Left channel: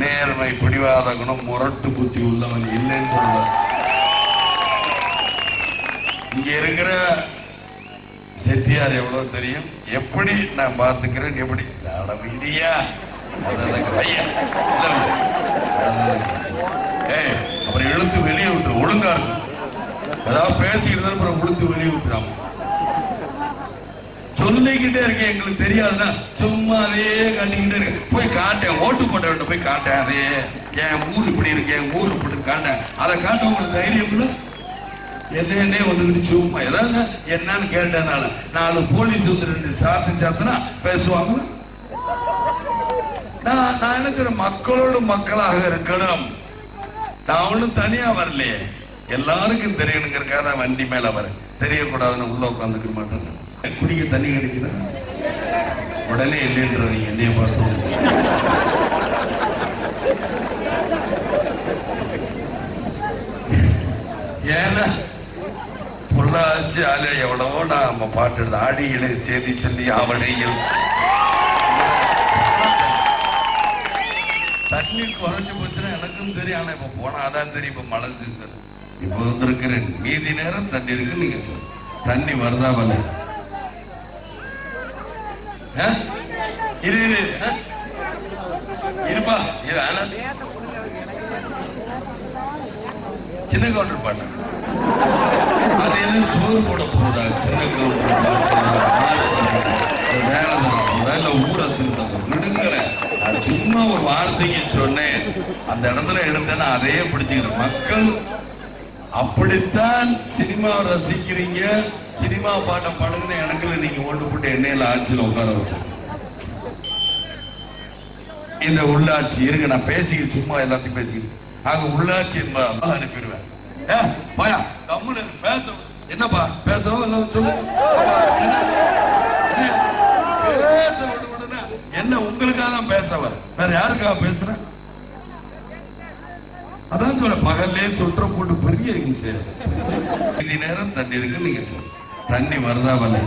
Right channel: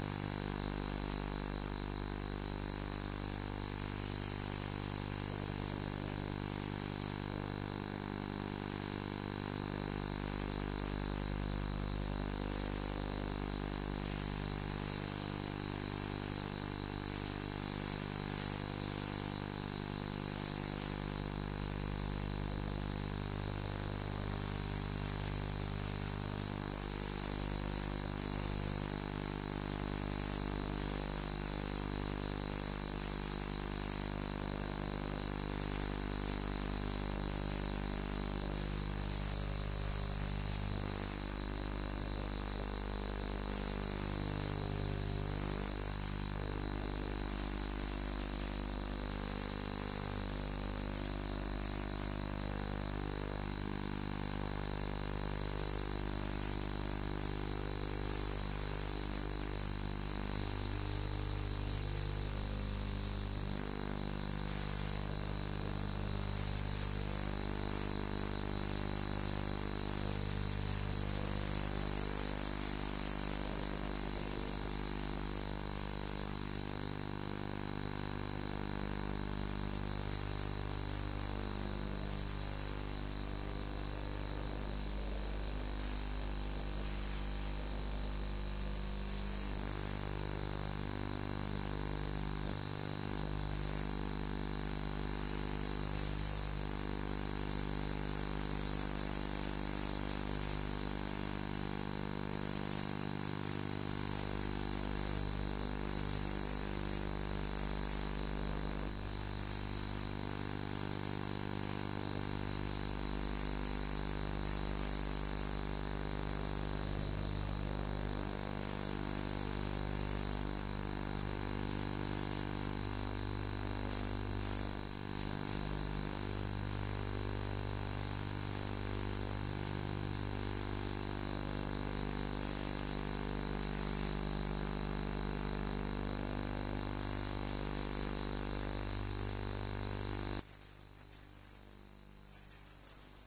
நேர்மை, பிடிவாத குணம், முரட்டு புத்தி உள்ளவன் இல்லைன்னு சொல்ற. இங்க இருக்கிற செட்டியார் எவ்வளவு தெரியும், எப்படி நான் பார்த்துக்கிறேன், எப்படி மீடியா அப்புறம் இழுத்து வெளியே விட்டு ஒழுங்கா இருக்கு. அதாவது பேசிக்கிட்டு அப்புறம் இழுத்து வெளியே விட்டுறாம சொல்லிக்கிட்டே இருக்கேன். எங்களுக்கு தெரியாதுன்னா சும்மா அதே கண்டிக்கிட்டே இருக்கு. போய் காட்டேன், ஓட்டு போட்ட வேண்டும் போய் காட்டேன், அதே என் ஊர் இப்படி இருக்கு, என் ஊர் இப்படி காட்டேன். அதை காட்ட உங்களுக்கு தைரியம் என்னே வந்துக்கிட்டு சும்மா ஏதாவது என்னன்னு கேட்டனால 4 போலீஸ் வந்து 2 சாத்தினா பேசுவாங்க. நான் நினைக்கிற மக்களோடு மக்களாக இருக்கணும். நான் ஒன்றும் தனியா வரலையே, எல்லாருக்கும் தெரியணுங்கிறக்காக தான் வண்டி மேல வர. தெரியக்கூடாதுன்னு உள்ள உட்காந்துக்க மாட்டேன். குடிக்க தண்ணி கிடைக்குதா உடனே இல்லைன்ற நீங்க என்னைய பார்த்து ஏன்னா பொள்ளாச்சி ஆலை எவ்வளவோ நம்ம பாட்டு ஆடியிலே செய்தி சொல்லி அவனையில் தண்ணி குறைஞ்சு போச்சுன்னா எனக்கும் தெரியும். ஆனா இப்ப போனாதான் தெரியும். இப்ப மழை சீசன் இப்ப வந்திருக்கிறேன். மீதி நேரம் தண்ணி இருக்கு. நீங்க தண்ணி வருதா வல இருப்பா சின்ன கவுண்டர் பாட்டு அது என்ன சோறு போட போதா? சின்ன கவுண்டர் வேலை ஊடகத்துக்கு விடுங்கிற சும்மா ஒரு வார்த்தைக்கு சொன்னேன். அந்த இடத்துல எடுத்தேன்னா அதையே பிடிச்சுக்கிறேன். மக்கள் அப்படித்தான் சினிமா ரசிக்கிறீங்க, சினிமா பாட்டை பாடுங்க. எனக்கு நீங்க ஓட்டு போட்டு எண்ணெயில ஆட்சியில் உட்கார வச்சு இந்த உள்ளாட்சி இருக்கு. நான் பேசிக்கிட்டு சும்மா எல்லாத்தையும் பேசிக்கிட்டு ஆக உள்ளாட்சி அனுப்பிடுவேன். பயா கம்முனு பேச என்னப்பா பேசவும் இல்லை சொல்லு. பேச விடுனா என்ன உங்களுக்காக தான் பேசவர், வேற யாருக்காக பேசுறேன்? அதான் சொல்ல பகல்லே சுற்ற போட்டு பெரிய மீதி நேரம் தண்ணி இருக்கு. நீங்க தண்ணி வருதா வலை